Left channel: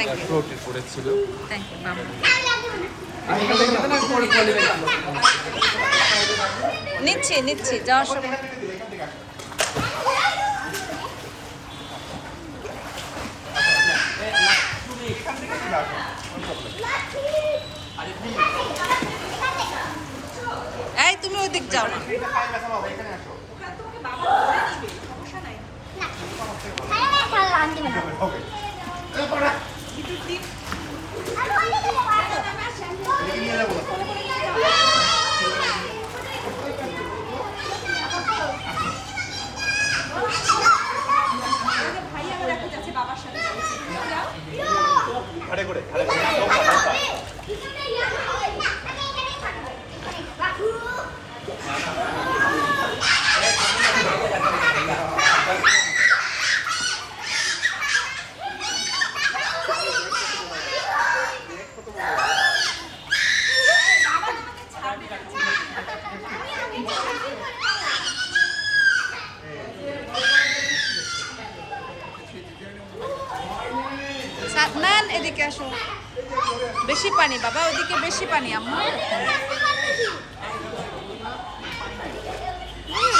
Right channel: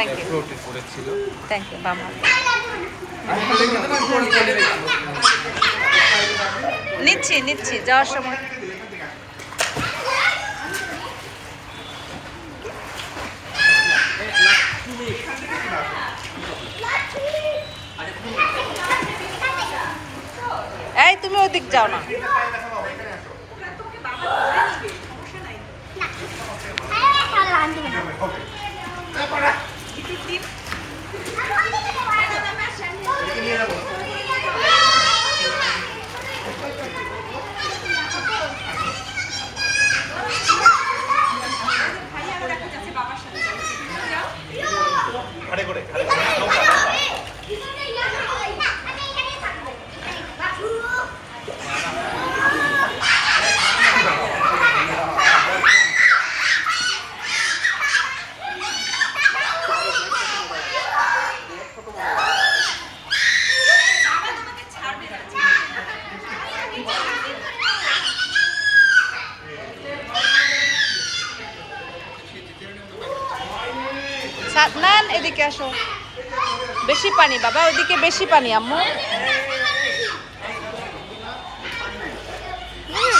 Thank you thank you বাবা। নিচ্ছি নিচ্ছি যাওয়ার সময়। এই তুমি ওদিক যাও না। সাদনান এদিকে আসো, বেশি পানি বাবা, ওইদিকে বেশি পানি আম্মু।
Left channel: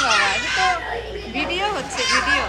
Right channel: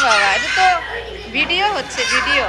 বাবা এটা তো ভিডিও হচ্ছে, ভিডিও।